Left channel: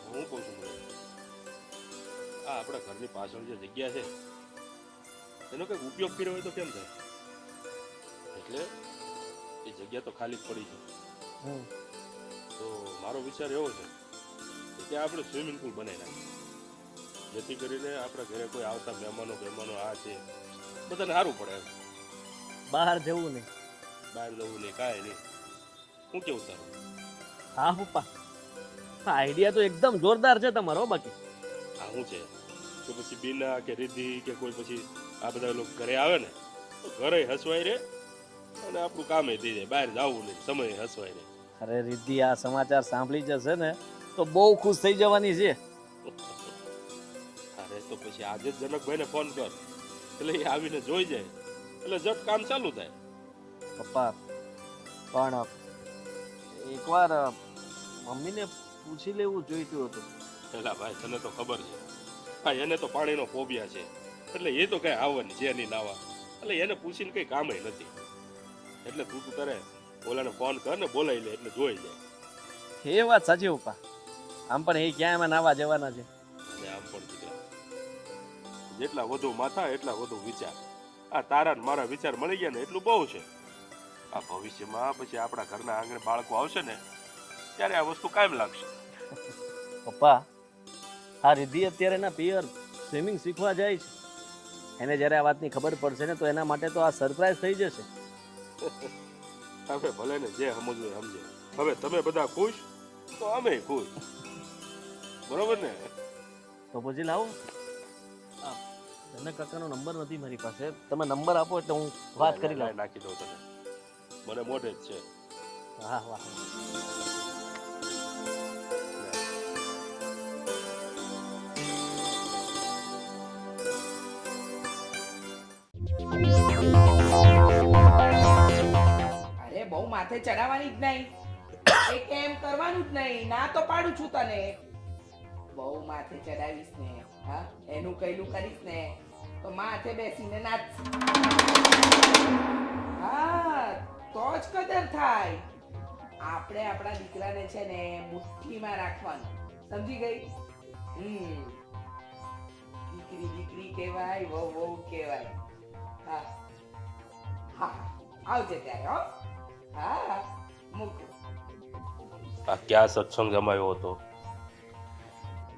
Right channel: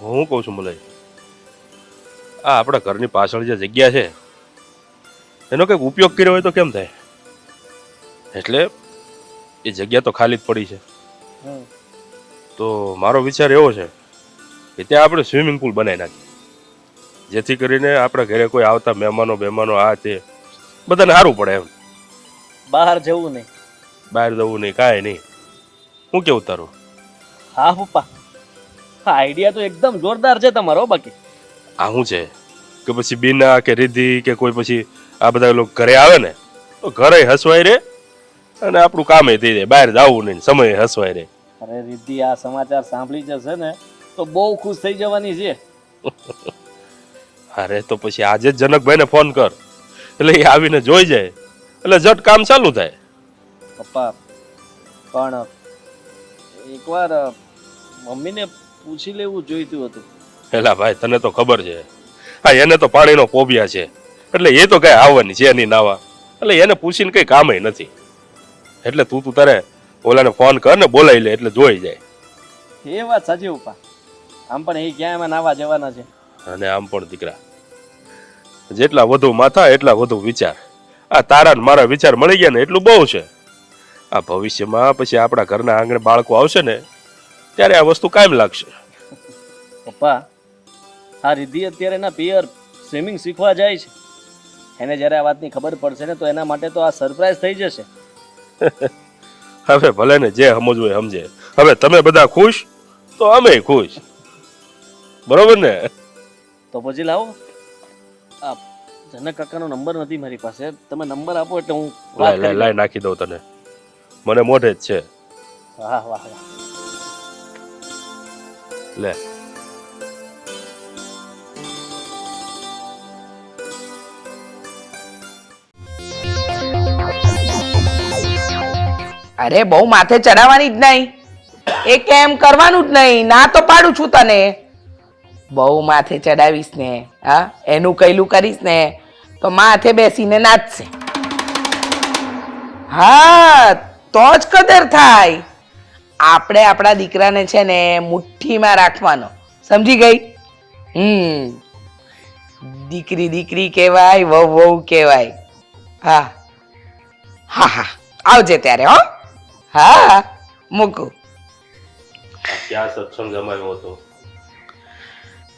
હું કહું છું મલય, આ આપણા ઘરની પાછળ જે જગ્યા છે એનો કંઈક ઉપયોગ કર્યો હોય તો કેમ થાય? એટલે એ જગ્યા તો ખાલી જ પડી છે, તો મારો વિચાર એવો છે કે ત્યાં આપણે સ્વિમિંગ પુલ બનાવી નાખીએ, જેથી કરીને આપણા ઘરે કોઈ આવતા મહેમાનો આ તે બધાને સારું પડે એમ. બહાર જવું નહીં. બહાર જવું નહીં, કાંઈ નહીં. હું કેવું તારું? હા પપ્પા, આ આઈડિયા તો એકદમ જોરદાર છે તમારો. બાકી આ શું છે કે પછી બીના કે રિદ્ધિ કે કોઈ પછી આ બધા લોકો ઘરે આવે ને તો ઘરે હસવાય રે અને આપણું કામે થઈ જાય, બહાર જવું નહીં, સમય હસવાય રે. અરે રિદ્ધિ આ સમાચાર સાંભળી જશે ને તો બહુ ખુશ થઈ જવાની છે. અરે તો પછી આજે જ જનકભાઈને ફોન કર, એટલે એ આવીને જોઈ જાય, એટલે જટ કામ ચાલુ થાય. પપ્પા પણ એકવાર મમ્મીને પૂછી લેવું જોઈતું હતું. પેલા ભાઈ તને તો ખબર છે, હા એને તો પાણીનો પોબિયા છે, એટલે એ તો કઈ આવવાની છે નહીં નાવા, એટલે એને પૂછીને કઈ કામ નથી. એટલે તું તારે ઓલાને ફોન કર ને બોલાવી લે એટલે જોઈ જાય. એ વાત સાચી પપ્પા, આમ પણ એ ક્યાં એમાં નાવા જવાના છે. અને આમ પણ દીકરા, જેટલા વધુ માથા એટલા વધુ વિચાર. આ તારા ને મારા વિચાર મળી ગયા ને એટલું બહુ છે. આ ભવિષ્યમાં પછી આપણા ઘરના આંગણે બાળકો આવશે ને ત્યારે આ વસ્તુ કાયમ લાગશે. પપ્પા આ રિદ્ધિ અત્યારે એના પિયર સ્વિમિંગ શીખવા જાય છે. એને જ્યારે આ વાતની ખબર પડશે ને તો એના માટે તો આ સરપ્રાઈઝ થઈ જશે. હવે ભલે ને જે સમજવું એ સમજે. હવે તમે બધા ખુશ તો અમે ખુશ, બરોબર ને? તો પછી લાવો, આ જનક કાકાનો નંબર નથી મારી પાસે, તમે નંબર આપો એટલે હું વાત કરી લઉં. લાઈ નાખી દઉં તને, મને મોઢે જ છે. વાહ વાહ વાહ. લે અરે બહુ માથે ચડાવવાની જ નહીં, એ કેમ કરવાનું જ નહીં, ના તો પાડું છું તને. બહુ માથે ચડાવીશ ને હા એનું કઈલું કરીશ ને તો માથે બેસીને નાચશે. હા તો જ કદર થાય. આપણે આપણા દીકરાને છે ને મુઠ્ઠીમાં રાખવાનો, સમજી ગઈ? દીકરી દીકરી કહેવાય, વહુ વહુ કહેવાય. હા હા હા આવજે ત્યારે. હો હા મૂકું. ક્યાં સત્સંગ જમાયો હતો?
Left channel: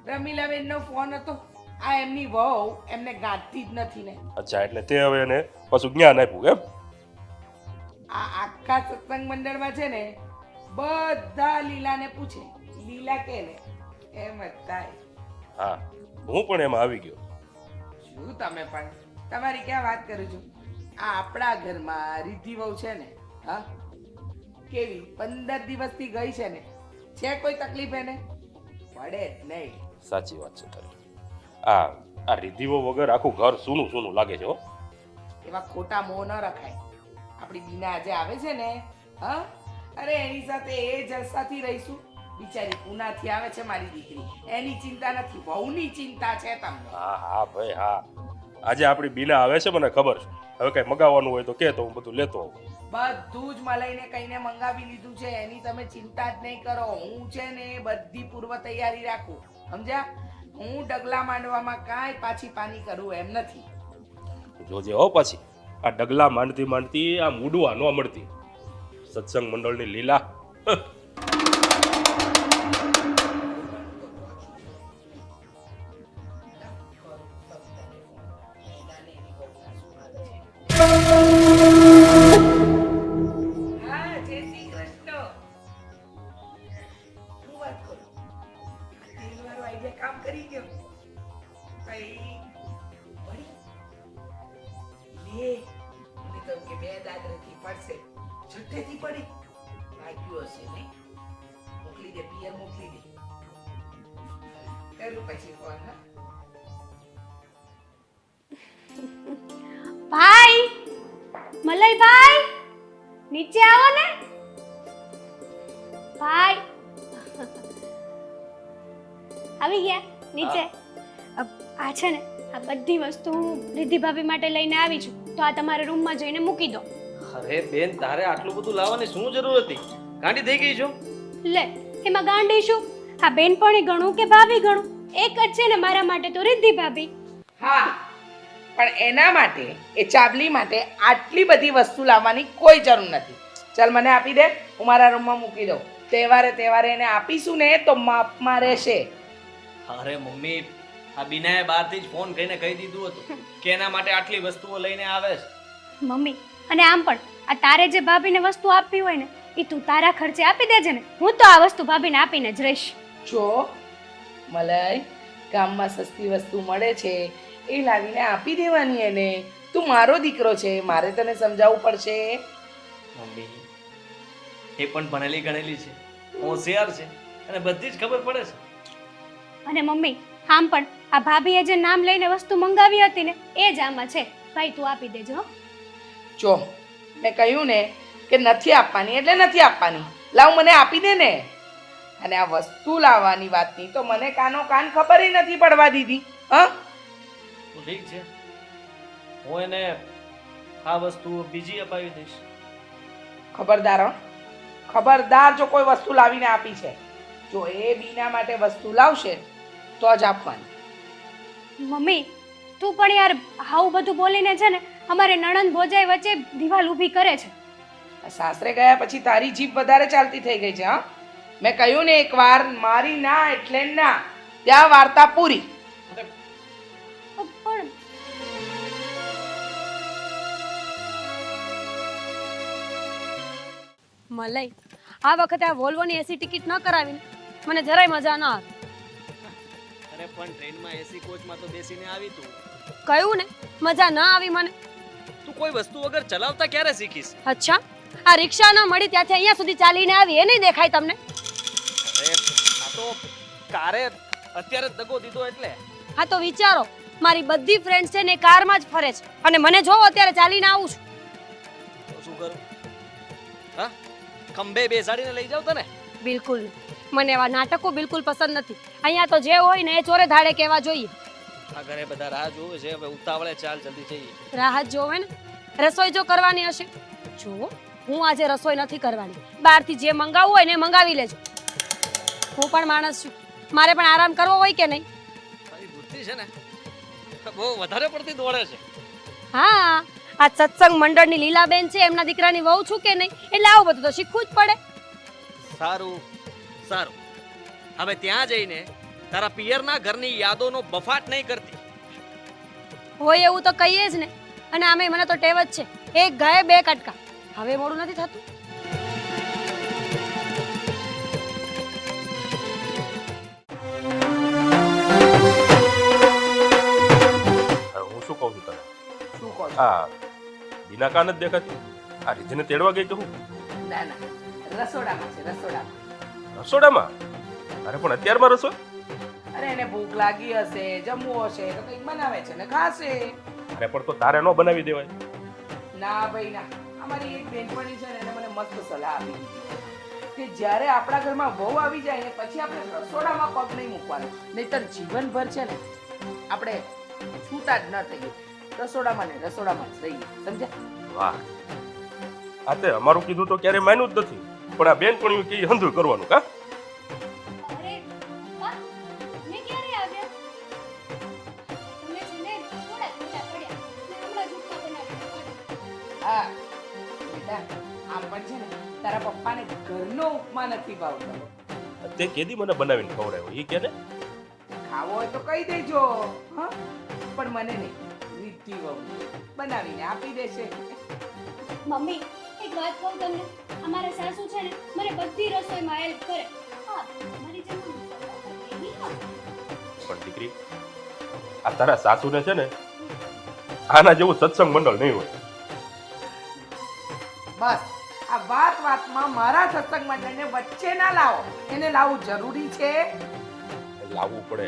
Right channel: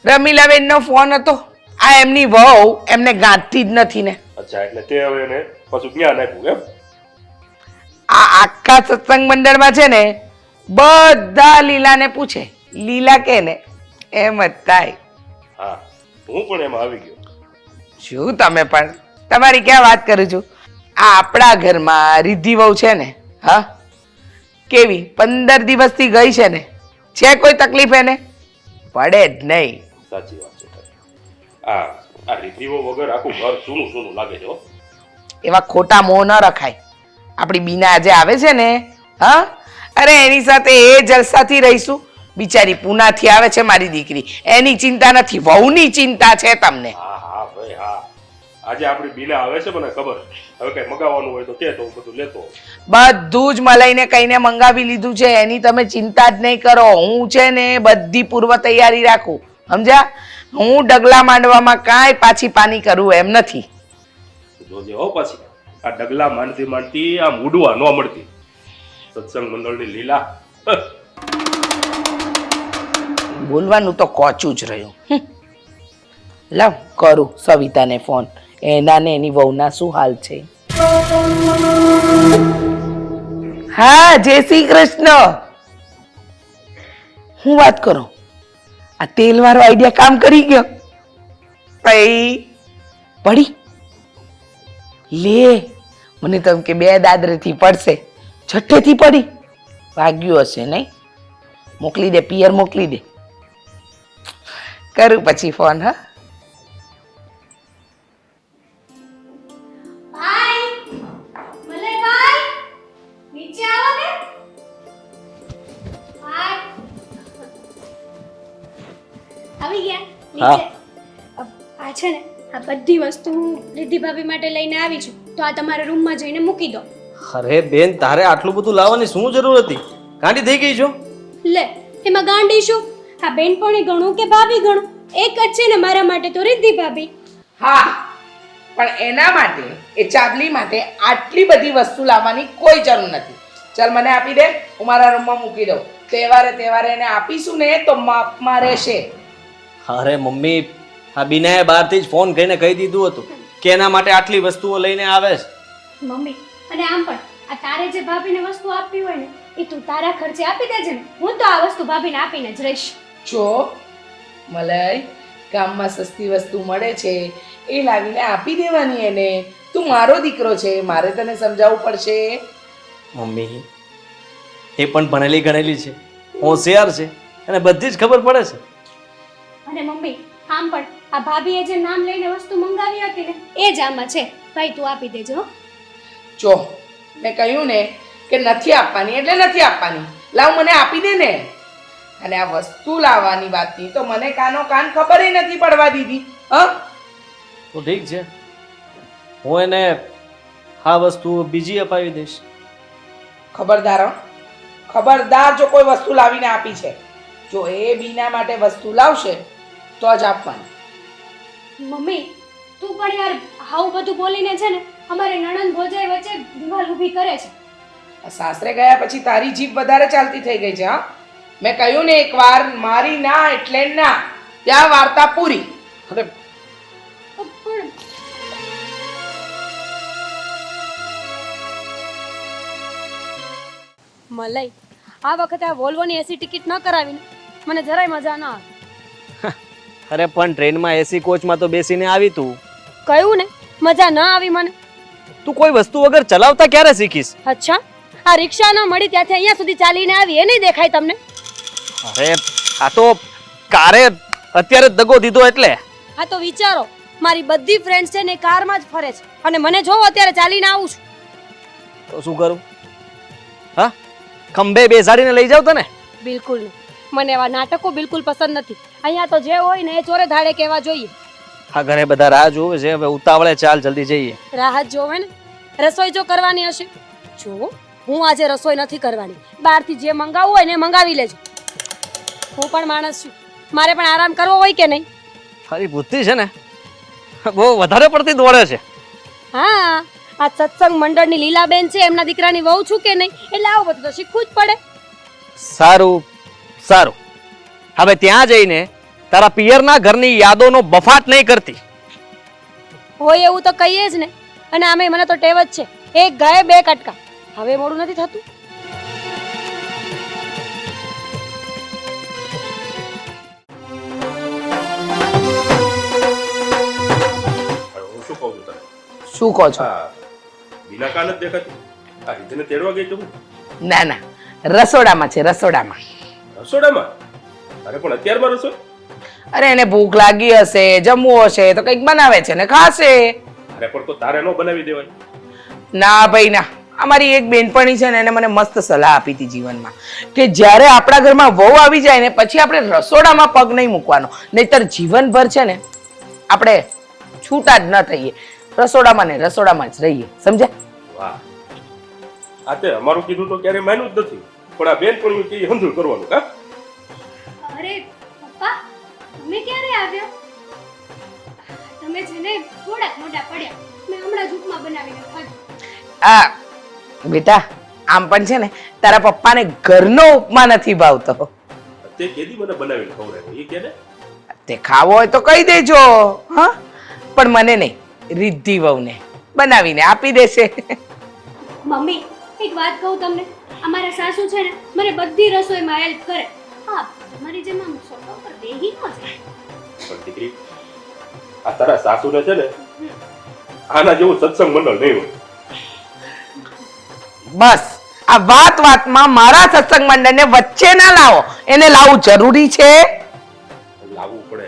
રમીલાબેન નો ફોન હતો. આ એમની વહુ એમને ગાંઠતી જ નથી ને. અચ્છા, એટલે તે હવે એને પાછું જ્ઞાન આપ્યું એમ? આ આખા સત્સંગ મંડળમાં છે ને બધા લીલાને પૂછે, લીલા કે ને એમ જ થાય. હા, હું પણ એમાં આવી ગયો. શું તમે પણ, તમારી ક્યાં વાત કરું છું. આ આપણા ઘરમાં રિદ્ધિ વહુ છે ને, હા કેવી 15 દિવસથી ગઈ છે ને, છે કોઈ તકલીફ એને? પડે જ નહીં. સાચી વાત છે. આ રીતિઓ વગર આખું ઘર સૂનું સૂનું લાગે છે. એવા ખોટા મોહ ન રખાય. આપણી બીના આજે આવે છે ને, હા અરે એની સાથે એ જલસાથી રહીશું. બિચારી પૂનાથી આવે છે મારી દીકરી, એની ચિંતા નથી, વહુની ચિંતા છે તમને. હા હા ભાઈ હા, આજે આપણી બીના આવે છે મને ખબર છે. હવે કઈ મગાવવાનું હોય તો કે તો હું બધું લેતો. બધું જ મલાઈને કઈને મંગાવી લીધું છે, એની તમે ચિંતા જ નહીં કરો. હું છે ને બધી પૂર્વ તૈયારી રાખું, સમજ્યા? હું ડગલા માંડવામાં કાંઈ પાછી પાની કરું એમ નથી. જોજે હો પછી આ ડગલા માંડતી માંડતી આમ ઉડવા ન મળતી. સત્સંગ મંડળની લીલા. બોલવાનું તો કોચું જ રહ્યું. લાવ કરું સવિતાને ફોન, એના ને એની વહુના શું હાલ છે. હા જય શ્રી કૃષ્ણ. હું વાત કરું, આ તેલ વાળો આઈડિયા કામ કરી ગયો? પડી લે, મને તો એમ કે 2 દાદરેથી પડશે, છઠ્ઠેથી પડી. વાગ્યું હશે નહીં? મોકલી દે, પિયર મોકલી દે. કરું પછી ફોન. હા ભાઈ, મલયભાઈ નીચે આવો ને. ભાઈ આવી ગયા નીચે. આ છે ને આ બધી વસ્તુ હું રિદ્ધિ ભાભી માટે લઈને આવી છું, તો આ તમારા રૂમમાં જઈને મૂકી દો. અરે બેન, તારે આટલું બધું લાવવાની શું જરૂર હતી? ગાંડી થઈ ગઈ છો? લે એમાં ગાંડી શું? આ બેનપણી ગણું કે ભાભી ગણું એક જ છે ને મારા માટે તો રિદ્ધિ ભાભી. હા, પણ એના માટે એ ચાબલી માટે આટલી બધી વસ્તુ લાવવાની કોઈ જરૂર નથી. ચાલ મને આપી દે, હું મારા રૂમમાં મૂકી દઉં. તહેવારે એને આપીશું ને તો માપમાં રહેશે. અરે મમ્મી, આ બીનાએ બહારથી જ ફોન કરીને કહી દીધું હતું કે એના માટે આટલી વસ્તુઓ લઈને આવે છે. મમ્મી અને આમ પણ આ તારે જે ભાભીને વસ્તુ આપવી હોય ને એ તું તારા ખર્ચે આપી દેજે ને. હું તો આ વસ્તુ ભાભીને આપીને જ રહીશ. જો મલય, ગામમાં સસ્તી વસ્તુ મળે છે એ લાવીને આપી દેવાની એને. તું મારો દીકરો છે, મારે તને સમજાવવું પડશે. મમ્મી એ પણ ભણેલી ગણેલી છે, હોશિયાર છે અને બધી જ ખબર પડે છે. અને મમ્મી આમ પણ આ ભાભીએ જે નામ લઈને વસ્તુ મંગાવી હતી ને એ જ આમાં છે. ભાઈ તું આપી દેજો હો. જો મેં કહ્યું ને કે નથી આપવાની એટલે નથી આપવાની. લાવ મને આપી દે ને. અને આ વસ્તુ લાવવાની વાતની તો મને કાનો કાન ખબર નથી પડવા દીધી. તો ઠીક છે, હું એને આ વસ્તુ બીજી અપાવી દઈશ. ખબરદાર હો, ખબરદાર જો કોઈ વસ્તુ લાવીને આપી છે, જો એ બીના માટે વસ્તુ લાવશે તો જ આપવાનું. મમ્મી તું પણ યાર આવું બધું બોલીને છે ને અમારે નણંદ ભોજાઈ વચ્ચે દિવાલ ઊભી કરે છે. સાસરે ગયા પછી તારી જીભ વધારે ચાલતી થઈ ગઈ છે. હા, મેં કહ્યું ને એકવાર મારી ના એટલે ના, ત્યાં વાર્તા પૂરી. અરે પણ મલાઈ આ વખતે આ વોલ્વોની એસી ટિકિટ ન કરાવીને મને જરાય મજા ના આવી. અરે પણ ટ્રેનમાં એસી કોચમાં તો બેસીને આવી તું. કયું ને મજા ન આવી મને. તું કોઈ વસ્તુ વગર ચલાવતા ક્યારે શીખીશ? અચ્છા, આ રિક્ષા ન મળી ત્યાંથી અહીંયા સુધી ચાલીને આવી એ નહીં દેખાય તમને? અરે આ તો કારે અત્યારે જ દગો દીધો એટલે. આ તો વિચારો મારી બધી ફ્રેન્ડ્સ છે ને કારમાં જ ફરે છે અને મને જોવો અત્યારે ચાલીને આવું છું. તો શું કરું? હા, ખંભે બેસાડીને લઈ જાવ તને? બિલકુલ નહીં. મને એવા નાટકો બિલકુલ પસંદ નથી. અહીંયા તો જે હોય ને એ ચોરે ધાડે કહેવા જોઈએ. આ ઘરે બધા રાહ જોવે છે, હવે ઉતાવળે ચાલ જલ્દી જઈએ. રાહત જોવે ને. રસોઈ જો કરવાની હશે, જો હું આજે રસોઈ નથી કરવાની. બહારથી જે મંગાવવું હોય ને મંગાવી લેજો. હું પણ માણસ છું, મારે પણ આરામ કરવો હોય કે નહીં? તારી બુદ્ધિ છે ને બહુ વધારે પડતી દોડે છે. હા, આ સત્સંગ મંડળની લીલાબેન છે, એમના દીકરાની વહુ છું કે નહીં, એટલે આવું બધું તો શીખવું જ પડે. સારું સારું, હવે ત્યાં જઈને તારા પિયરના ઘરની યાદોનો બફાટ નહીં કરતી. હોય એવું તો કહીએ જ ને. અને આમે મને તો ટેવ જ છે, એક ગાય બે કટકા. હવે મોડું નથી થતું? હું શું કહું છું તને? શું કહો છો? હા, બીના કાન જ દેખાતી. આ રીતિને તેડવા ગઈ તું? ના ના, રસોડામાં છે, રસોડામાં. રસોડામાં? અરે પણ અત્યારમાં રસોઈ? અરે એને ભૂખ લાગી હશે, જમવું હશે તો કંઈક બનાવે છે ને ખાશે. અરે પણ તો તારે ન બનાવી દેવાય? ના ભાઈ ના, અમારી એક બેનપણી છે ને એને મને મસ્ત સલાહ આપી હતી જીવનમાં કે જ્યારે આપણા ઘરમાં વહુ આવી જાય ને પછી આપણે રસોડામાં પગ નહીં મૂકવાનો, નહીતર જીવનભર છે ને આપણે છૂટા જ ન થઈએ. રસોડામાં ને રસોડામાં જ રહીએ, સમજ્યા? વાહ, આ તે અમારું કીધું તો ક્યારે માન્યું જ નથી, પણ આ બેનપણીઓ કે હંધુળ કરવાનું કા? અરે પપ્પા, તમે ક્યારે આવ્યા? તમે છે ને થોડાક મોટા પડ્યા. મેં હમણાં જ ઉપમા બનાવીને ખાધો. આ બેટા, આમ પણ છે ને તારા પપ્પાને ઘરનો ઉપમા નથી ભાવતો. તે કેદી મને બનાવીને ખવડાવ્યો એ કે ને? તે ખાવો હોય તો કહી દેજો. હા, પણ મને નહીં, રિદ્ધિ વહુને બનાવીને આપી દેશે. મમ્મી એક વાત કહું તમને, અમારા સાસુ છે ને મને બધી રસોઈમાં હેલ્પ કરે. હા, મારી જેમ આમ સોફા પર બેહી ન જાય. પણ દીકરી, આ તારા સાસુને છે ને આના જેવું સત્સંગ મંડળ નહીં હોય. બસ આ વાત વાતમાં મારા સત્સંગ મંડળને વચ્ચે ના લાવો. એને લાવવું જરૂરી છે. લાવવું પડે,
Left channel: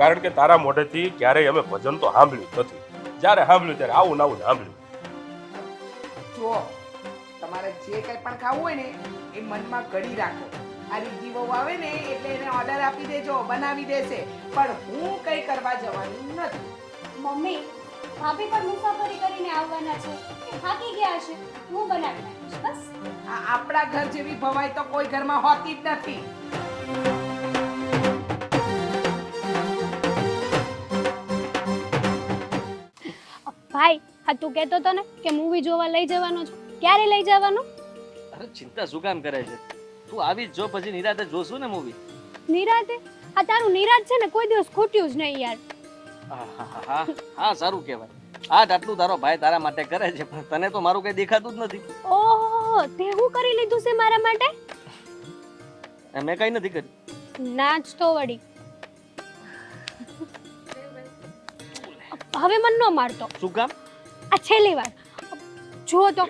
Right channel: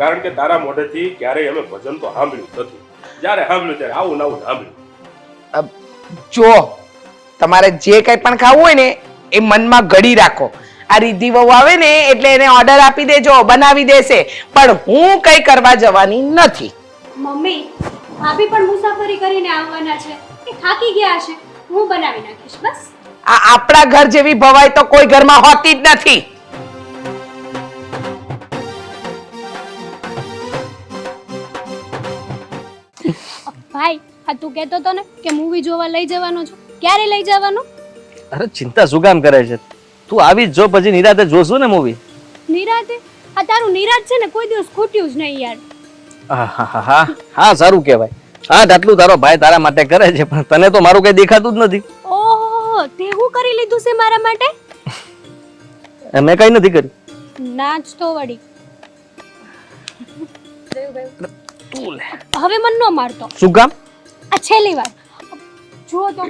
કારણ કે તારા મોઢેથી ક્યારેય અમે ભજન તો સાંભળ્યું જ નથી. જ્યારે સાંભળ્યું ત્યારે આવું નાવું સાંભળ્યું. જો તમારે જે કંઈ પણ ખાવું હોય ને એ મનમાં ઘડી રાખો. આ રિદ્ધિ વહુ આવે ને એટલે એને ઓર્ડર આપી દેજો, બનાવી દેશે, પણ હું કઈ કરવા જવાની નથી. મમ્મી ભાભી પણ મુસાફરી કરીને આવવાના છે, એ થાકી ગયા છે, હું બનાવી નાખીશ બસ. આ આપણા ઘર જેવી ભવાઈ તો કોઈ ઘરમાં હોતી જ નથી. ભાઈ આ તું કહેતો હતો ને કે મૂવી જોવા લઈ જવાનો છું, ક્યારે લઈ જવાનો? અરે ચિંતા શું કામ કરે છે? તું આવી જ જો, પછી નિરાતે જોશું ને મૂવી. નિરાતે? આ તારું નિરાત છે ને કોઈ દિવસ ખોટ્યું જ નહીં યાર. હા સારું કહેવાય. હા આટલું તારો ભાઈ તારા માટે કરે છે, પણ તને તો મારું કઈ દેખાતું જ નથી. ઓહો, તે હું કરી લીધું છે મારા માટે? મેં કઈ નથી કર્યું. નાચ તો વળી. તું લે. હવે મન નો મારતો. શું કામ? આ છેલ્લી વાર જુઓ તો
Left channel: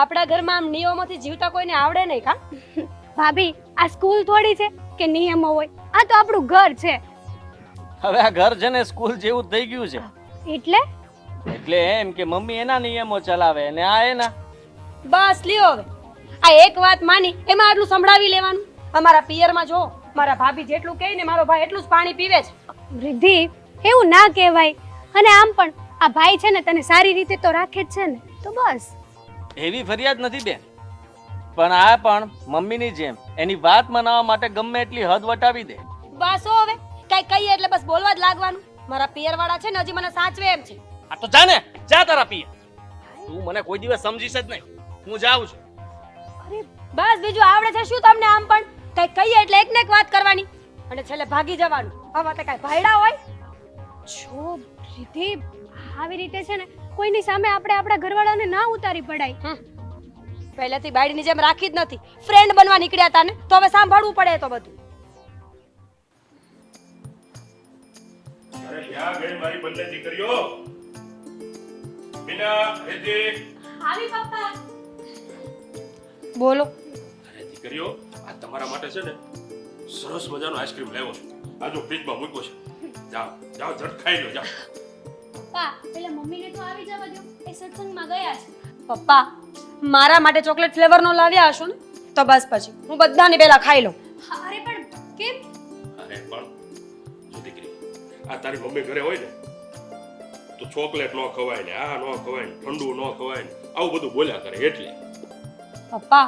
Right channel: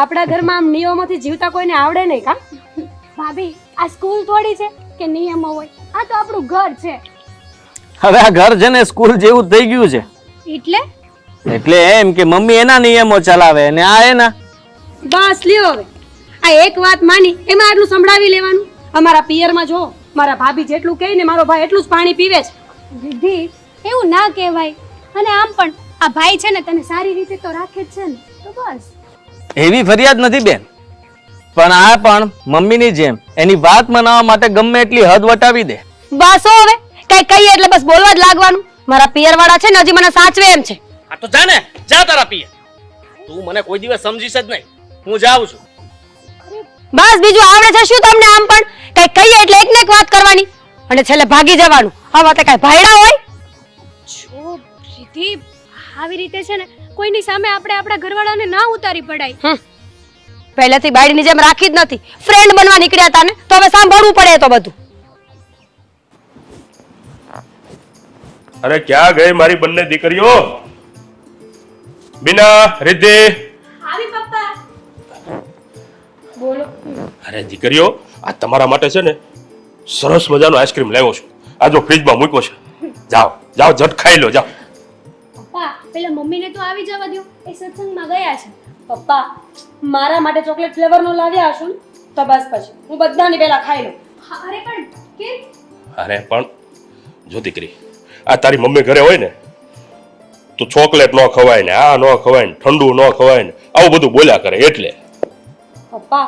આપણા ઘરમાં આમ નિયમોથી જીવતા કોઈને આવડે નહીં કા? ભાભી આ સ્કૂલ થોડી છે કે નિયમો હોય, આ તો આપણું ઘર છે. હવે આ ઘર છે ને સ્કૂલ જેવું જ થઈ ગયું છે. એટલે એમ કે મમ્મી એના નિયમો ચલાવે અને આ એના. બસ લ્યો હવે આ એક વાત માની એમાં આટલું સંભળાવી લેવાનું. અમારા પિયરમાં જો મારા ભાભી જેટલું કહે ને મારો ભાઈ એટલું જ પાણી પીવે છે. રિદ્ધિ એવું ના કહેવાય. અને આમ પણ આ ભાઈ છે ને તને સારી રીતે તો રાખે જ છે ને, તો બસ. એવી ફરિયાદ નથી બેન, પણ આ પણ મમ્મીની જેમ એની વાત મનાવવા માટે ગમે એટલી હદ વટાવી દે. બસ હો હવે કઈ કહીએ એટલે બસ બોલવા જ લાગવાનું. મારા પિયર વાળા છે ને હજી મને સાચવે એમ છે. આ તો જા ને, જા તારા પિયર. તું મને કોઈ દિવસ સમજીશ જ નહીં. હું જાઉં છું. બસ બીજું આવડે છે શું તમને? આમ પણ કઈ કહીએ એટલે એક ને એક વાત કરવાની અને છેલ્લે ભાગી જવાનું. આ વાતે કઈ ભાઈડા હોય? જો રિદ્ધિ આવી રીતે છે ને કોઈની સામે આપણે આપણા ઘરવાળાને ના ઉતારી પડાય. પહેલેથી બાયડીની જેમ રાખી જ નથી. ફ્રેન્ડ બનવા નીકળ્યા હતા ને તો હવે સાંભળવું પડે તો બધું. અરે ક્યાં ગઈ મારી બંને દીકરીઓ? બીના, રિદ્ધિ. આવી પપ્પા. બોલો. અરે દીકરીઓ, આ તમારા માટે છે ને સરસ મજાનો આઈસ્ક્રીમ લાવ્યો છું. આ જો ફ્રીજમાં મૂક્યો છે. જાઓ જાઓ ઝટ ખાઈ લો જાઓ. પપ્પા પેલા મમ્મીને તો આવી જવા દો, એ સત્સંગમાં ગયા છે. પપ્પા મારા માટે ચોકલેટ ફ્લેવર નો લાવ્યા હશો ને તો બસ પછી હું બધાને પહેલા ખાઈ લઉં. અરે પણ કેમ? અરે પણ જો દીકરી, આ તારી મમ્મી ઘરે હોય ને તો ચોકલેટ ન ખવાય ને આ ન ખવાય ને ઠંડુ ન ખવાય ને આવું બધું બોલ્યા કરે એટલે. પપ્પા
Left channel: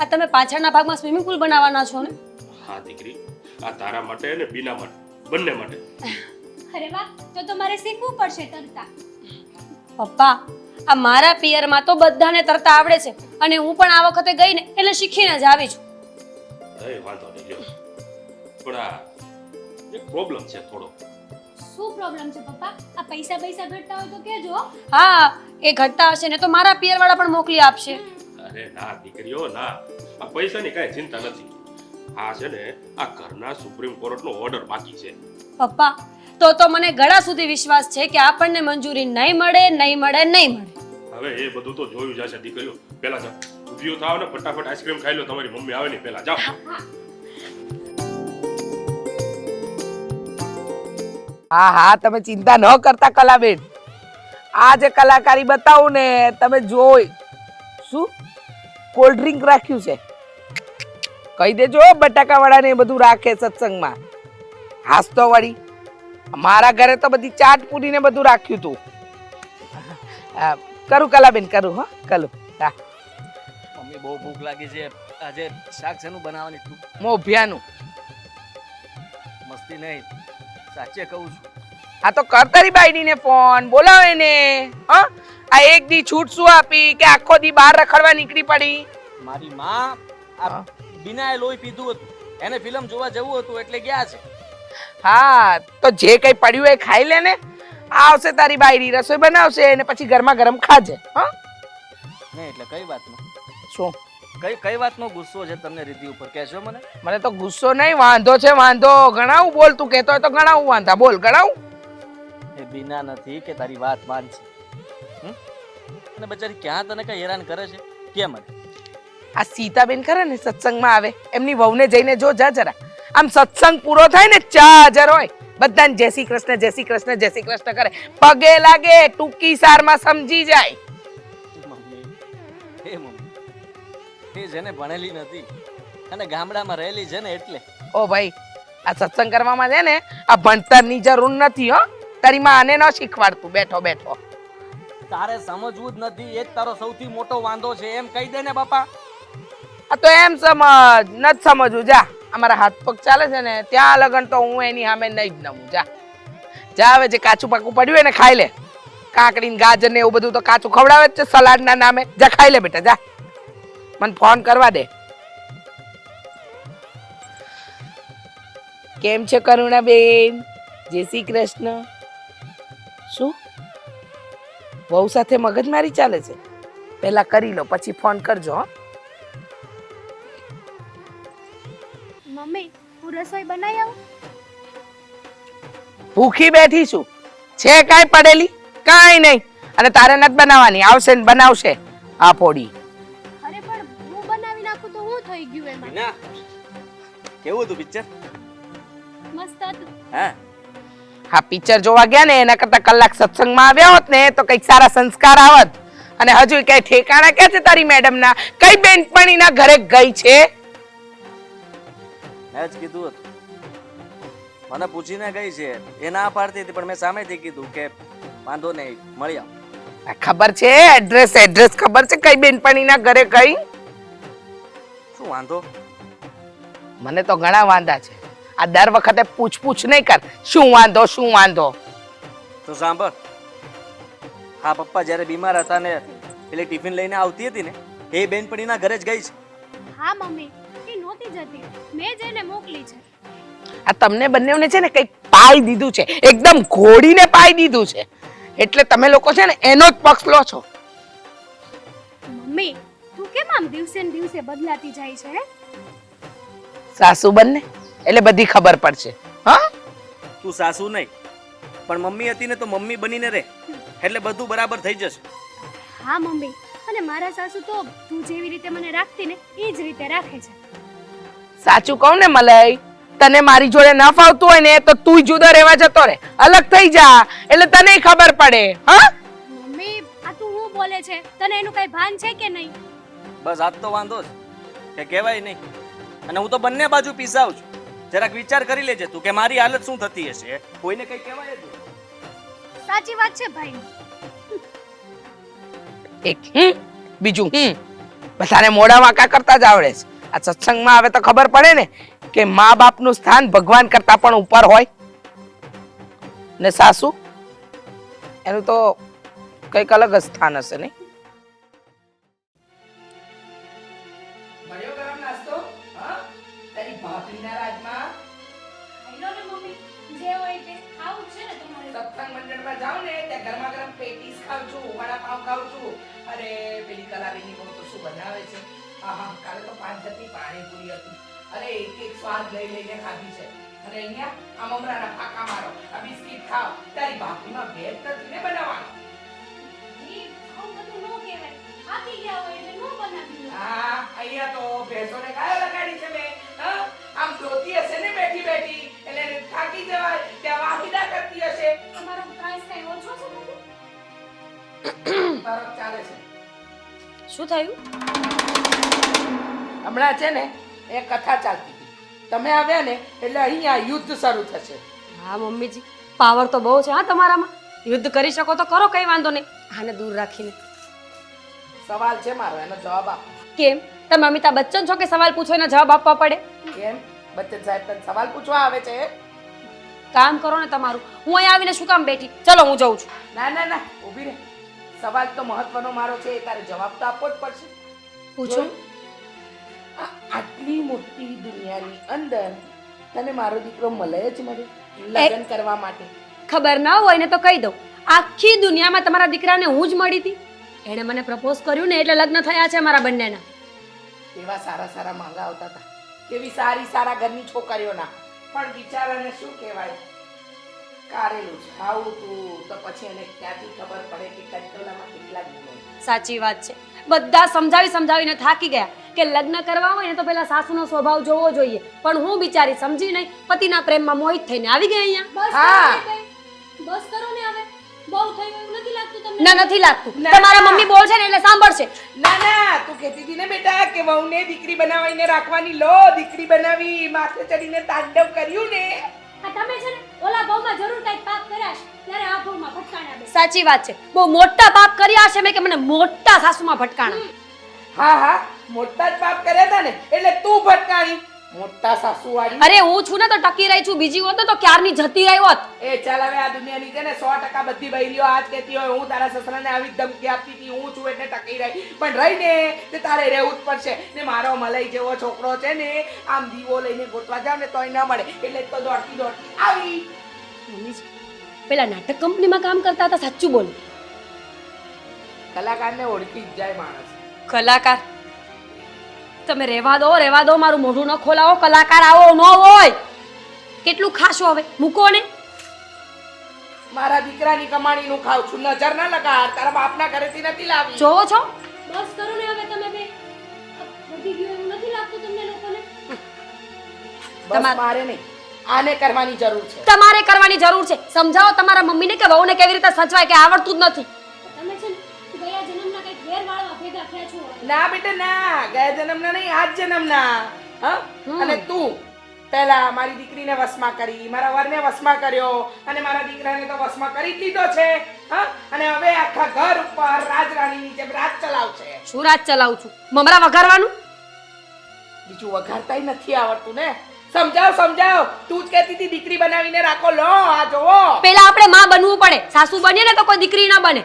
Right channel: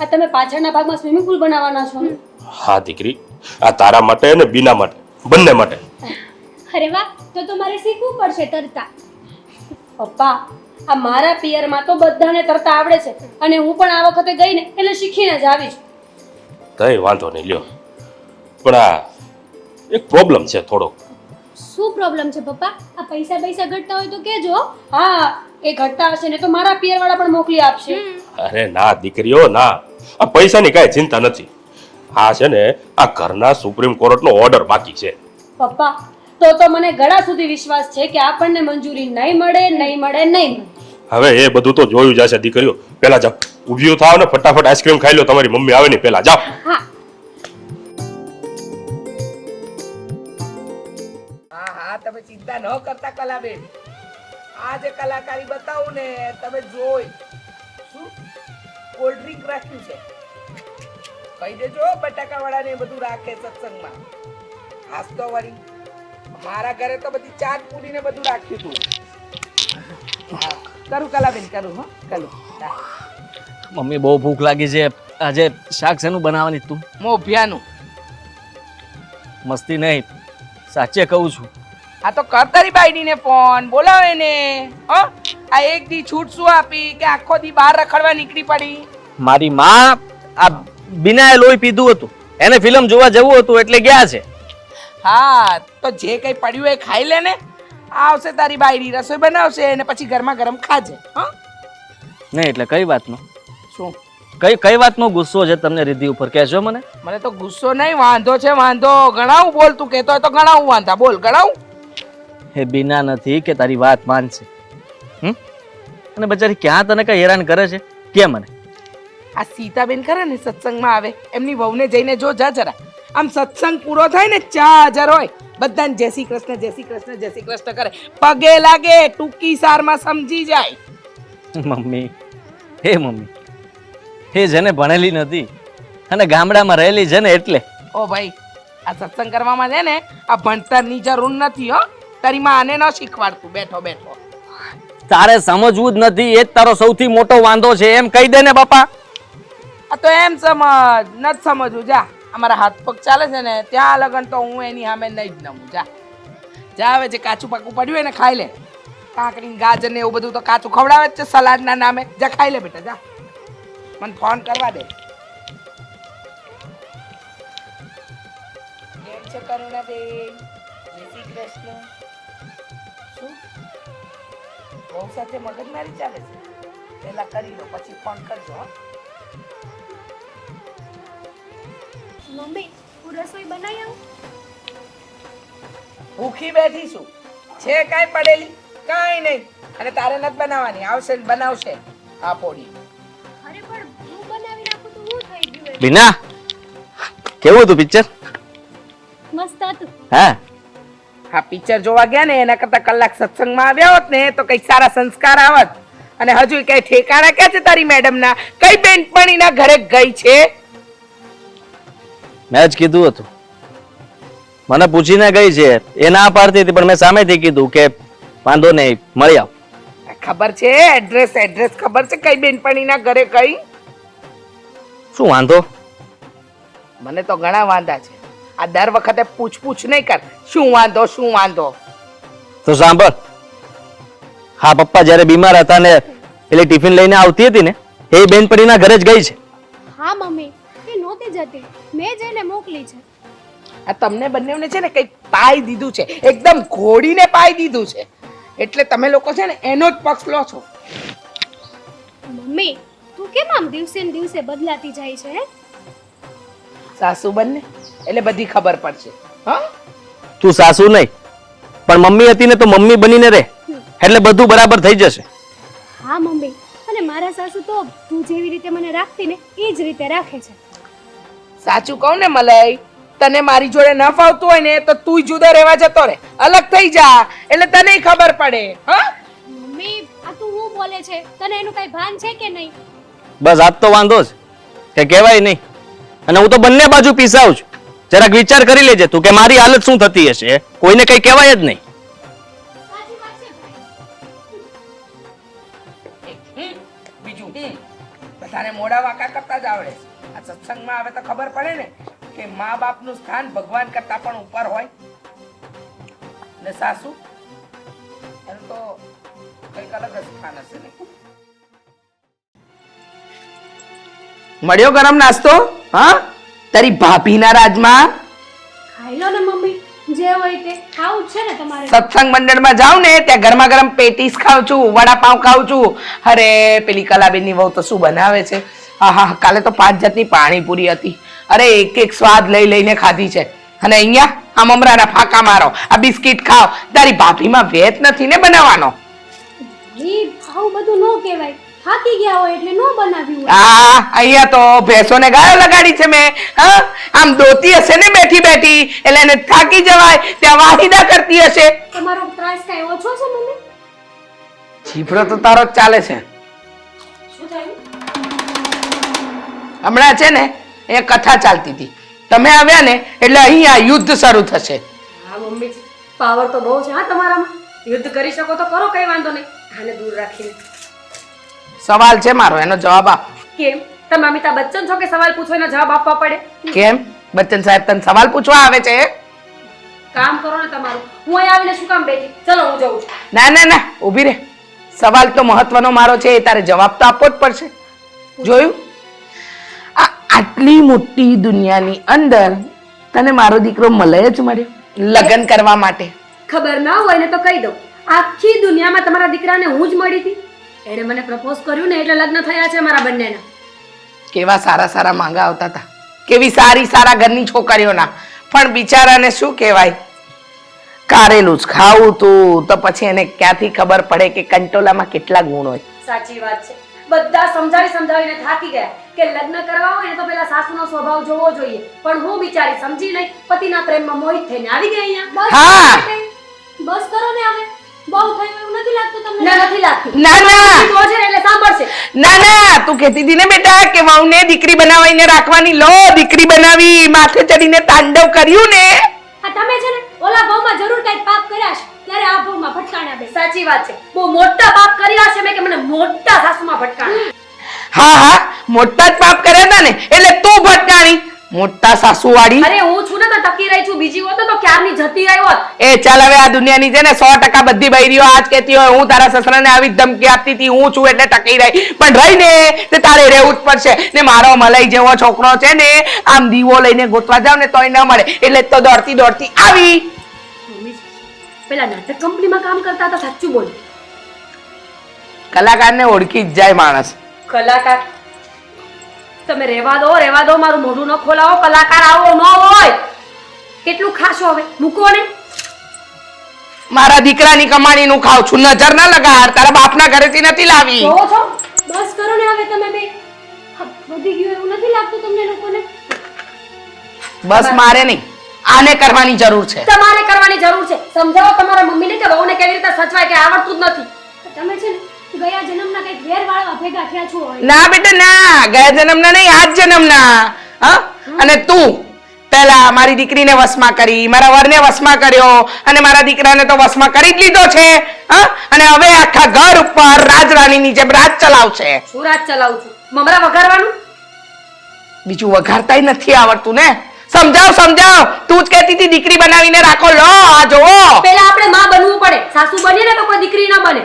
આ તમે પાછળના ભાગમાં સ્વિમિંગ પૂલ બનાવવાના છો ને? હા દીકરી, આ તારા માટે અને બીના માટે બંને માટે. અરે વાહ, તો મારે શીખવું પડશે તરતા. પપ્પા આ મારા પિયરમાં તો બધાને તરતા આવડે છે અને હું પણ આ વખતે ગઈ ને એટલે શીખીને જ આવી છું. કઈ વાંધો નહીં લ્યો, પણ આ એક પ્રોબ્લેમ છે થોડો. શું પ્રોબ્લેમ છે પપ્પા? આ પૈસા ઘટતા હોય તો કહેજો. હા એ ઘટતા હશે ને તો મારા પિયર વાળા પણ મોકલી આપશે. અરે ના દીકરીઓ ના, આ પૈસાની કાંઈ ચિંતા નથી. આ છે ને આ ઘરના સુપ્રીમ કોર્ટનો ઓર્ડર બાકી છે. પપ્પા તો મને ઘણા સુધી વિશ્વાસ છે કે આપણને મંજૂરી નહીં મળે. હવે એ બધું તો જોયું જશે દીકરીઓ. પેલા જાઓ ઊભી થાવ ને ફટાફટ આઈસ્ક્રીમ ખાઈ લો. તમારી મમ્મી આવે ને પેલા જાઓ. હા હા તમે ચિંતા ન કરતા કલાબેન. આ જે કલાકારી બતાવું ને તમે જોઈ. શું કોલ્ડ ડ્રિંક રાખ્યું છે? કહી દેજો બટાકા વડા ને બધું રાખે સત્સંગમાં. હાસ તો વળી મારા ઘરે તો બધી ચાટ પૂરી ને બધું રાખ્યું તું. હા કરું કલાબેન કરું. હો કરું. હા મમ્મી બહુ ભૂખ લાગી છે. આજે શાક શેનું બનાવવાની તું? મોભિયાનું. મસ્તી નહીં, સાચે કહું છું. આ તો કર તારી બાયડીને ફોન બોલાવે ને. આ એક દી છૂટ શું આપી કે આખો દી બહાર રખડવા નીકળી પડી? મારી માં આ બીનાએ લોહી પીધું હતું, એને ફિલ્મ જોવા જવું હતું એટલે ગયા છે. હા તો જે કઈ પડ્યું એ ખાઈ લે ને. આવશે તારી બાયડી રસોઈ બનાવશે અને પછી ગરમા ગરમ ખાજે. નહીં એટલે કઈ વાતનો? શું કઈ વાતનો ગુસ્સો છે તમને રિદ્ધિ ઉપર? કહેજો મને. મને તો ગુસ્સો નહીં, વાંધો છે વાંધો. ગણાવું બોલ, તું કહેતો હોય તો ગણાવું વાંધા. બોલ ગણાવું. એ બીના નથી કે તારી વાત માનશે. અને બચારી ક્યાં તને કઈ હેરાન કરે છે કે મને? આ સીતાબેન કરે ને સત્સંગમાં આવે, એમની વહુને જઈને જો જા જરા. આમ સત્સંગ પૂરો થાય ને 4000 હોય, બધાને જય શ્રી કૃષ્ણ જય શ્રી કૃષ્ણ જય શ્રી કૃષ્ણ કરે. પગે લાગે, ટૂંકી સારમાં સમજી જાય. મમ્મી એ જેને ભણેલી નથી અને ગામડામાં રહેલી છે ને એટલે. ઓ ભાઈ આ સત્સંગ કરવામાં છે ને આ ભણતરની જરૂર નથી. હો તારી માં આને ન શીખવાડતું બેઠો બેઠો. તારે સમજવું જ નથી, એ જ તારો સૌથી મોટો વાંધો છે. એમ કહી દે ને બાપા. આ તો એમ સમજ નથી સમજવું. જા અમારા હાથ પગ ચાલે છે ને ત્યાં લગન તો હું એની સામે નહીં જ નવું. જા જા હવે જે કાચું પાકું પડ્યું એને ખાઈ લે. કાકડી ને ગાજર ને એવું બધું તો કાચું ખવડાવે જ છે સલાડ ના નામે. જા ખાઈ લે બેટા જા. મને ફોન કરવા દે. કેમ છે કરુણાબેન? જય શ્રી કૃષ્ણ. શું વહુ સાથે મગજમારી ચાલે છે? પહેલા કરી લો પછી ફોન કરજો. હો મમ્મી હું રસોઈ બનાવી આવું? ભૂખી બેઠી છું. છે કાંઈ પડેલી? કાંઈ નહીં. અને તારે નથી બનાવવાની. આવશે ને બનાવશે આ પોડી. અરે પણ હું બનાવી નાખું તો હું થઈ ગયું એમ. બીના કેવું હતું પિક્ચર? મસ્ત હતું. હા હા પિક્ચર જોવા ગયા ને એના કરતા કલાક સત્સંગમાં આવ્યા હોત ને તો કઈ સારા સંસ્કાર આવત. અને હજુ કઈ ઠેકાણા ક્યાં છે તારી મેડમ ના? કઈ બેનપણીના ઘરે ગઈ છે? મેં જ કીધું હતું, મને પૂછીને ગઈ છે. એ ના પાડતી હતી પણ મેં સામેથી કીધું કે વાંધો નહીં મળી આવ. ખબર છે એડ્રેસ ખબર છે કઈ બેનપણીના ઘરે ગઈ? શું વાંધો? મને તો ઘણા વાંધા છે. આ દર વખતે પૂછ નહીં કર. શું વાંધો? તો સાંભળ, હા પપ્પા જ્યારે બીમાર હતા ને એટલે ટિફિન લઈને આવતી હતી ને એ બેનપણીના ઘરે જ ગઈ છે. હા મમ્મી એ નહોતી જતી, મેં જ એને મોકલી છે. આ તમને બંનેને છે ને કઈ પાઈ દીધું છે, એકદમ ઘોડીને પાઈ દીધું છે. એટલે તમે લોકો છે ને એનો જ પક્ષ લો છો. મમ્મી તું કેમ આમ દિવસે ને દિવસે બદલાતી જાય છે? હે? સાસુ બંને એટલે બધી ખબર પડશે. હા તું સાસુ નહીં પણ મમ્મી હતી ને તો મમ્મી બનીને રહે એટલે બધું બરાબર થઈ જશે. હા મમ્મી, અને મારા સાસુ તો તું જેવી રીતે મને રાખતી ને એ જ રીતે રાખે છે. સાચું કહું ને મલાઈ, તને મારી જોડે ન ફાવતું હોય ને તો તું જુદા રહેવા જતો રે, અલગ થઈ જા એટલે તને ખબર પડે. હા મમ્મી આ તું હું બોલે છે? તને એનું કઈ ભાન છે કે નહીં? બસ આજ તો વાંધો જ કે કહેવાય નહીં. અને હું તો બંને બાજુ પીસાઉં છું. જરાક વિચાર કરી લેજે તું કે મારી હાલત શું થતી હશે. કોઈને કઈ કહેવાય જ નહીં. સાચી વાત છે ભાઈ. એક બીજું બધાને મોઢા વાંકા કરતા જ આવડે છે. આ સત્સંગમાં આવે તો ખબર પડે ને કે મા બાપનું સ્થાન ભગવાન કરતા પણ ઉપર હોય. ને સાસુ એનું તો કઈક અલગ જ સ્થાન હશે ને. મળ્યો ગરમ નાસ્તો? હા તારી ભાભીના રાજમાં ખાઈ લો ને મમ્મી, જે હોય તે ખાવું જ છે ને તમારે. સત્સંગ મંડળમાં જાઉં ને ત્યાં ગરમા ગરમ પેટીસ ખાઉં છું, વડાપાઉં ખાઉં છું. અરે પેલી કલાબેનની વહુ તો શું બનાવે છે! આહા કાલે તો 5 જાતની પાણીપુરી હતી. અરે એક સ્વાદ લઈને ખાધી છે. અને અહીંયા આ મમરાના ફાંકા મારો, આ બિસ્કિટ ખાવ. તારી ભાભીમાં વેત નથી ને બનાવવાનો. ઈ આવું બધું નો કહેવાય. થાકી ગયા હોય એટલે નો બનાવ્યું હોય. અહીંયા તો ભેંસોને ગાયો લગાડી છે મેં. હા આમ દોતી હશે ને બેઠી એટલે એને થાકી જવાય ત્યાં વાહિદા કરતી હશે. તમારો ત્રાસ કઈ ઓછો છે મમ્મી? જીભરો તો તારો જ ચાલે છે. શું થયું? હમણાં છે ને એ કથા ચાલતી હતી. તમે આવ્યા ને એટલે અહીંયા યુદ્ધ શરૂ થશે. હા મમ્મીજી, પાવર તો બહુ છે હા તમારામાં. યુદ્ધ કરી શકો તો કરો, કઈ વાંધો નહીં. આને દૂર રાખીને. સવાલ છે મારો, એનો જવાબ આપ. કેમ? તમે અમિતાભ બચ્ચન છો કે સવાલ પૂછો એનો જવાબ આપવા પડે? કેમ બચ્ચન સાહેબ તને સવાલ પૂછવા આવે છે? કામ કરો ને તમારું. હું અહીં આવીને શું કામ બેઠી? ચલો હું જઉં છું. ના ઊભી રહે. સવાલ તો મહત્વનો મારો છે, એ તારે જવાબ તો આપવો જ પડશે. જોયું? આ આટલી મોટી દુનિયાની અંદર તને મારો દીકરો મલય જ મળ્યો લગ્ન કરવા માટે. ખબર ના હોય ને તો કહી દઉં, આખી દુનિયામાં તમારા દીકરાને હું જ મળી હતી. એણે મને પ્રપોઝ કર્યું ને એટલે લગ્ન થયા છે મારા બંનેના. કેવા સારા માંગા આવતા હતા, કેવી સારા ઘરની છોકરીઓના. પણ બિચારાને શું કહેવાય, કારેલું જ ખાવું તું તો પછી એને ક્યાંથી ખબર પડે કે કંટોલામાં કેટલા ગુણ હોય. સાચી વાત છે. બધા સમજાવીને થાકી ગયા કે લગ્ન કરવા હોય ને તો પેલા સાસુનો સ્વભાવ જોવો જોઈએ. પણ હું બિચારી સમજી નહીં, પતિના પ્રેમમાં મોહિત થઈને આવી ગઈ અહીંયા. હા બસ કરો ને હવે. બહુ થયું એવું નથી લાગતું તમને? ના નથી લાગતું. ના બહુ છે ને એટલે સાંભળશે. ના તું કહેતી હતી ને બેટા કે વહુને દીકરી બનાવીને રાખવાની. લો દીકરી બનાવી, માથે ચડીને તાંડવ કર્યું ને. આ તમે છે ને ઓલા ભાવમાં જરૂર કઈક પાપ કર્યા છે ત્યારે આ ભાવમાં ભટકાણા બે. સાચી વાત છે. બહુ મોટા પાપ કર્યા છે મેં કે મને મોટા સાસુમાં ભટકાણા. હા મોટા જ પાપ કર્યા હતા ને એટલે તું ભટકાણી. મોટા સાસુવાળી. અરે હું છું ને તો ટકી રહી છું, બીજી હોત ને તો ક્યારની જતી રહી હોત. એ ચાલ હવે આ દુનિયાની છે ને 100% બધી બૈરીઓ આજ કહેતી હોય હું તારા સસરાને આવી જ ધમકી આપતી હતી, હું છું એટલે ટકી રહી. પણ રહી ને તે તારે રહેવું જ પડશે. ને મારો મલાઈ જેવો છોકરો છે ને આમ દીવો લઈને ગોતવા જાવ ને તોય ન મળે, એટલે જ તો દોડતી દોડતી આવી. પેલા નાટક કંપનીમાં કામ કરતા હતા, સાચું બોલ. કલાકારને ઓળખી જ જાય માણસ. કલાકાર તમે રહેવા દો, મારું મોઢું ન ખોલાવો. કલાકાર આવો ન હોય એટલું ખાશો, હવે મૂકો ને. મારા દીકરાની કમાણીનું ખાવ છું, નજર ના લગાડ. તારા બાપના ઘરેથી નથી લાવી. જોવો છો બસ કરો ને હવે તમે બે. વધી ગયું એવું નથી લાગતું તમને લોકોને? બસ મારે નહીં, આને કરવાની જરૂર છે. તમારે કરવાની જરૂર છે. સમજાવો તમારા મમ્મીને કે વહુને કેવી રીતે સચવાય, કે આવડતું જ નથી. તમે છે ને ગયા જન્મના કઈ ઘેર વાળવા ભેગા થયા છો. ના બેટા ના, ગયા જન્મના નહીં, આજ જન્મના. હા, અને તું પહેલા મારી દીકરીને વશમાં કરી, મારા વરને વશમાં કર્યો, અને મારા દીકરાને તો વશમાં કરી જ લીધો છે. હા, અને હવે આખા ઘર ઉપર રાજરાણીની જેમ રાજ ચલાવશે. શું રાજ ચલાવું છું? મમરા વઘારવાનું? બીજું વઘારતાય નથી આવડતું ને. સમજાવ. તું જ કહેતી હતી દીકરી બનાવીને રાખો. લો આ જોવો. પહેલા આપણે માં બનવું પડે. સાસુ બનીએ ને તો કોઈ દીકરી ના બને.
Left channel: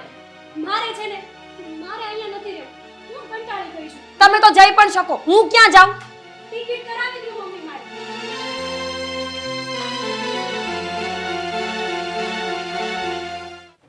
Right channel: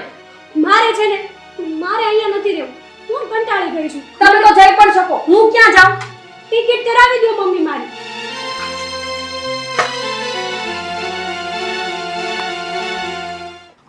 મારે છે ને મારે અહીંયા નથી રહેવું. હું કંટાળી ગઈ છું. તમે તો જઈ પણ શકો, હું ક્યાં જાઉં? ટિકિટ કરાવી દો મમ્મી મારી.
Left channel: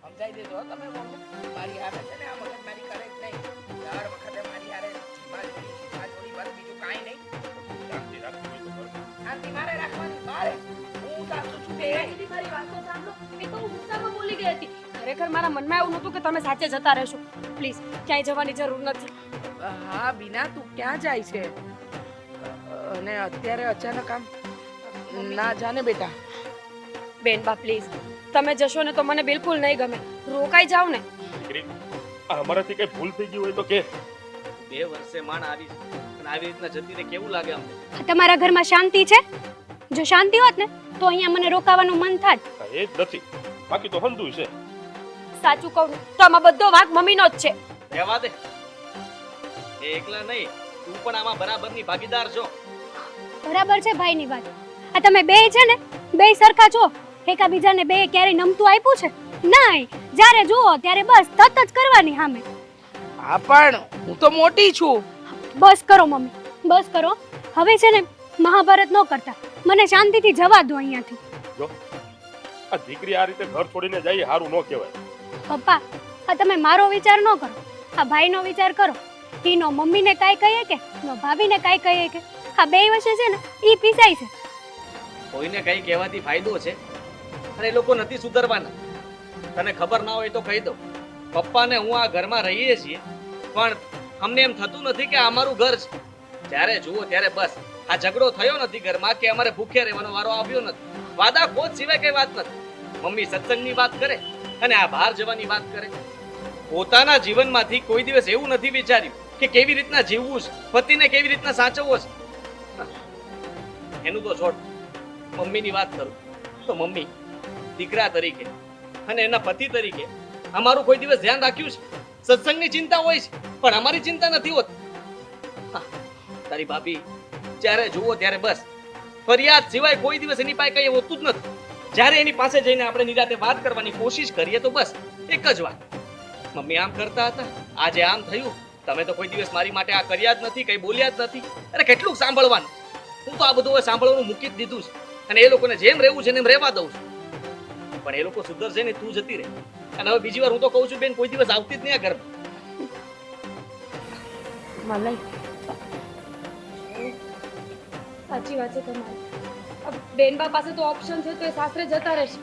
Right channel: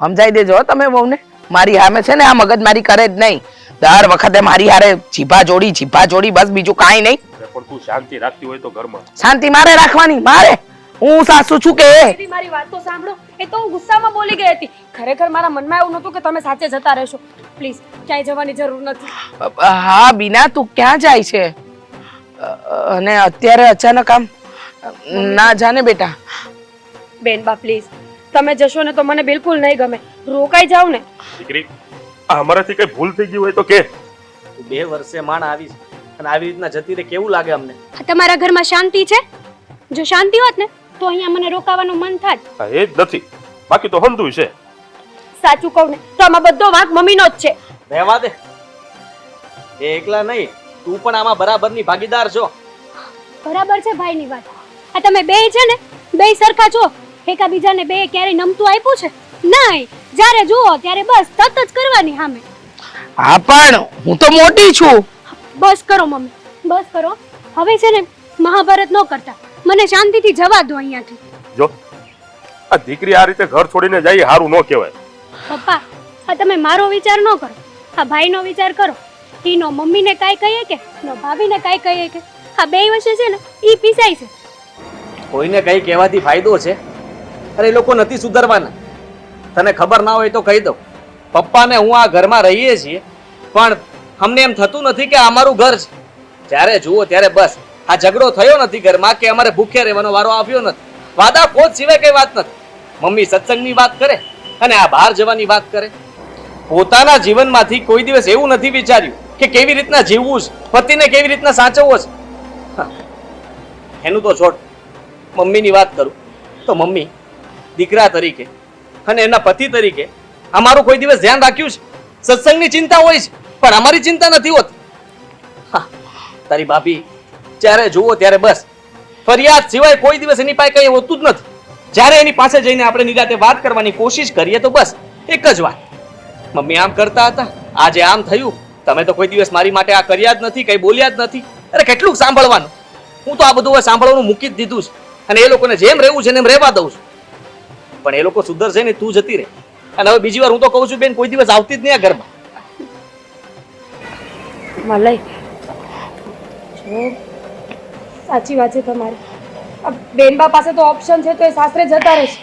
સમજાઈ દેજો હો તમે બહુને. મારી સામે છે ને આ મગજ મારી કરે જ નહીં. દર વખતે મારી હારે જીભા જોડી, બસ બીજું કાંઈ નહીં. પણ તું શાંતિ રાખતી હોય તો ઘરમાં. શાંતિ મારે રાખવાની, મારે. હું સાસુ છું કે દીદી મારી વાત તો સાંભળો. એ તો હું ગુસ્સામાં બોલી ગઈ હતી. ખરેખર મારા મનમાં એવું નહોતું કે તમે સાચે જતા રહેશો. પ્લીઝ ક્યાંય જવાની જરૂર નથી. હા બીના, તું ક્યાં જાય છે? અને અત્યારે અચાનક આમ ના જાને બેટા. બેનબા પ્લીઝ, તમે જશો ને તો મને બિલકુલ નહીં ગમે. રોકાઈ જાવ ને. દીકરી, આ અમારાથી કઈ ભૂલ થઈ ગઈ હોય તો કે. 2 વર્ષે માણ આવીશ અને આવી રીતના જતી રહે કેવું લાગે અમને? તમારા ઘરમાં શાંતિ છે? જો શાંતિ હોત ને તો અહીંયા મને રોકાવાનું મન થાત. હા, એ જ નથી, બાકી તો હંધુય છે. સાચું કહું ને તો આમાં બધો વાંક મમ્મીનો જ છે. રહેવા દે. એ એકલા નહીં, તું પણ આમાં બરાબરની ભાગીદાર છો. બરાબર છે ભાઈની વાત. આ તમે બે છે ને બે સરખા છો. એકાબીજાને બે ક્યારે નમતું આપ્યું છે? નહીં, જ્યારે જુઓ ત્યારે બસ તત જ કરવાની સામે. હા પણ હું તો મોટી છું. બસ કરો મમ્મી, બસ કરો. હવે છે ને મહાભારત ન કરતા, મને શાંતિથી જવા દો અહીંયાથી. જો આ દીકરી આ રીતે ઘર છોડીને જાય સારું ન કહેવાય. પપ્પા, આ તમે મારો વિચાર ન કરો, આ ભાઈનો વિચાર કરો. એનો મમ્મીને કાંઈ કહીએ કે નો ભાભીને કાંઈ કહીએ કે આ બે વચ્ચે છે ને ઈ પીસાય છે. કોઈને કઈ કહેવાથી ફાયદો છે? અરે એ લોકો નથી સુધરવાના. તને ખબર ના હોય તો કહી દઉં, પપ્પાને હું આ ઘરમાં રહીએ છીએ પણ અમને એમ થતું નથી કે આ અમારું ઘર છે. જ્યારે જુઓ ત્યારે બસ આ ઝઘડો થયો નથી ઘરમાં કે અમારે ભૂખ્યા રહેવાનો વારો આવ્યો નથી. વાદા ખોદ સિવાય કઈ વાત નથી. મમ્મી સત્સંગની વાત કરે અને આ બહાર જવાની વાત કરે. પોતાના જીવનમાંથી કોઈ દિવસ એવું નથી વિચાર્યું કે કેવી રીતના જીવવું છે, પતિને કેવી રીતના સાચવવો છે. એનું તો છોડ. મમ્મીની વાત કરું તો મમ્મી દીકરા તરીકે અને એના પતિ તરીકે અમારું કોઈ દિવસ ધ્યાન રાખ્યું છે? સત્સંગની ચિંતા હોય છે પણ અમારી ચિંતા નથી હોતી. તારી ભાભી જ્યારે જુઓ ત્યારે બસ ફરિયાદ સિવાય કોઈ દિવસ એની પાસે કઈ હોતું જ નથી. જ્યારે એની પાસે જઈને આપણે નિરાતે વાત કરવાની કોશિશ કરીએ તો બસ એક જ વાત, મમ્મી આમ કરતા હતા, આજે આમ થયું, તમે તો કોઈ દિવસ મારી માટે આ કર્યા જ નથી, કઈ બોલ્યા જ નથી. અરે કેટલું સાંભળવાનું. હું તો આ બધું હવે સાંભળવાનું મૂકી જ દીધું છે અને એ લોકોને જેમ રહેવું છે એમ રહેવા દઉં છું. પણ એ લોકો સુધરશે ને તું જતી રહે. અને હવે બીજી વાર હું તો કહું છું બેન, કોઈ દિવસ આવતી જ નહીં આ ઘરમાં. મલય, સાચી વાત છે તમારી. બેનબા પાસે તો ઓપ્શન છે તો એ સાસરે જતા રહેશે.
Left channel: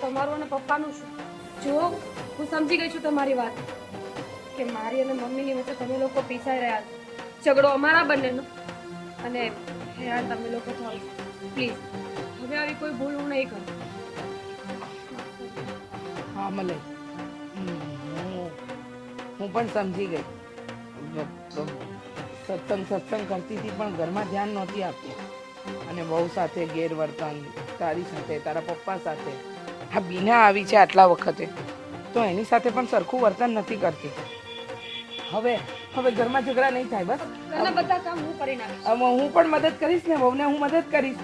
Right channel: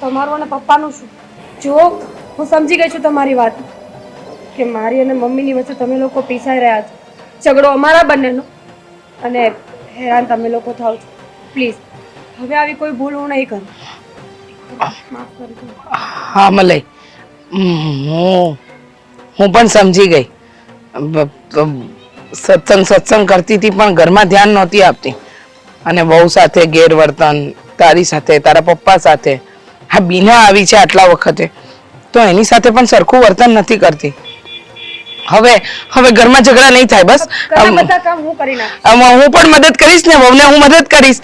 તમારું અને પપ્પાનું શું? જો હું સમજી ગઈ છું તમારી વાત કે મારી અને મમ્મીની વચ્ચે તમે લોકો પીસાઈ રહ્યા છો. ઝઘડો અમારા બંનેનો અને હેરાન તમે લોકો થાવ છો. પ્લીઝ હવે આવી કોઈ ભૂલ હું નહીં કરું. હા મલય, હું પણ સમજી ગઈ. સત્સંગ કરતી હતી પણ ઘરમાં ધ્યાન નહોતી આપતી અને બહુ સાથે ગેરવર્તન, તારી સાથે, તારા પપ્પા સાથે. હા બીના આવી છે આટલા વખતે તો એની સાથે પણ સરખું વર્તન નથી કરતી. હવે હવે ઘરમાં ઝઘડા નહીં થાય બસ ઘરના બધા કામ હું કરી નાખીશ. હું પણ મદદ કરીશ ને વહુને હું મદદ કરીશ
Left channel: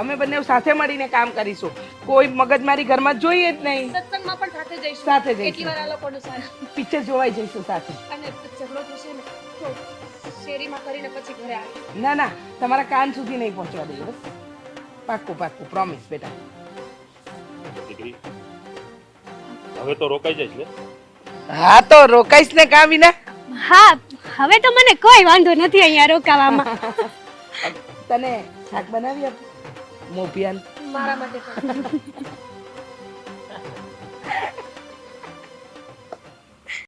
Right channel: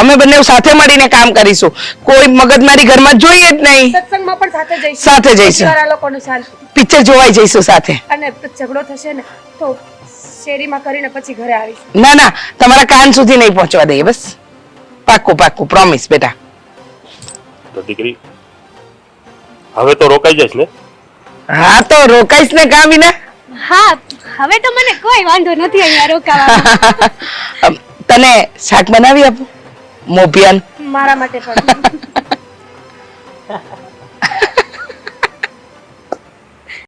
અમે બંને સાથે મળીને કામ કરીશું કોઈ મગજમારી ઘરમાં જોઈએ જ નહીં સત્સંગમાં પણ સાથે જઈશું. સાથે જઈશું. પરિવાર આ લોકોનું શાંતિ. પિક્ચર જોવાઈ જઈશું સાથે અને ઝઘડો થશે ને તો શેરીમાં કરીને પછી ઘરે આવીશું. ના ના તમારા કાન સુધી નહીં પહોંચવા દઈએ બસ પાક્કું પાક્કું પ્રોમિસ બેટા તો દીકરી હવે તો રોકાઈ જઈશ ને? હા તો રોકાઈશ ને કાં વિના હા હવે તો મને કોઈ વાંધો નથી અહીંયા રોકાવામાં. તને શાક બનાવી આપું મોભિયાન મારા માટે પણ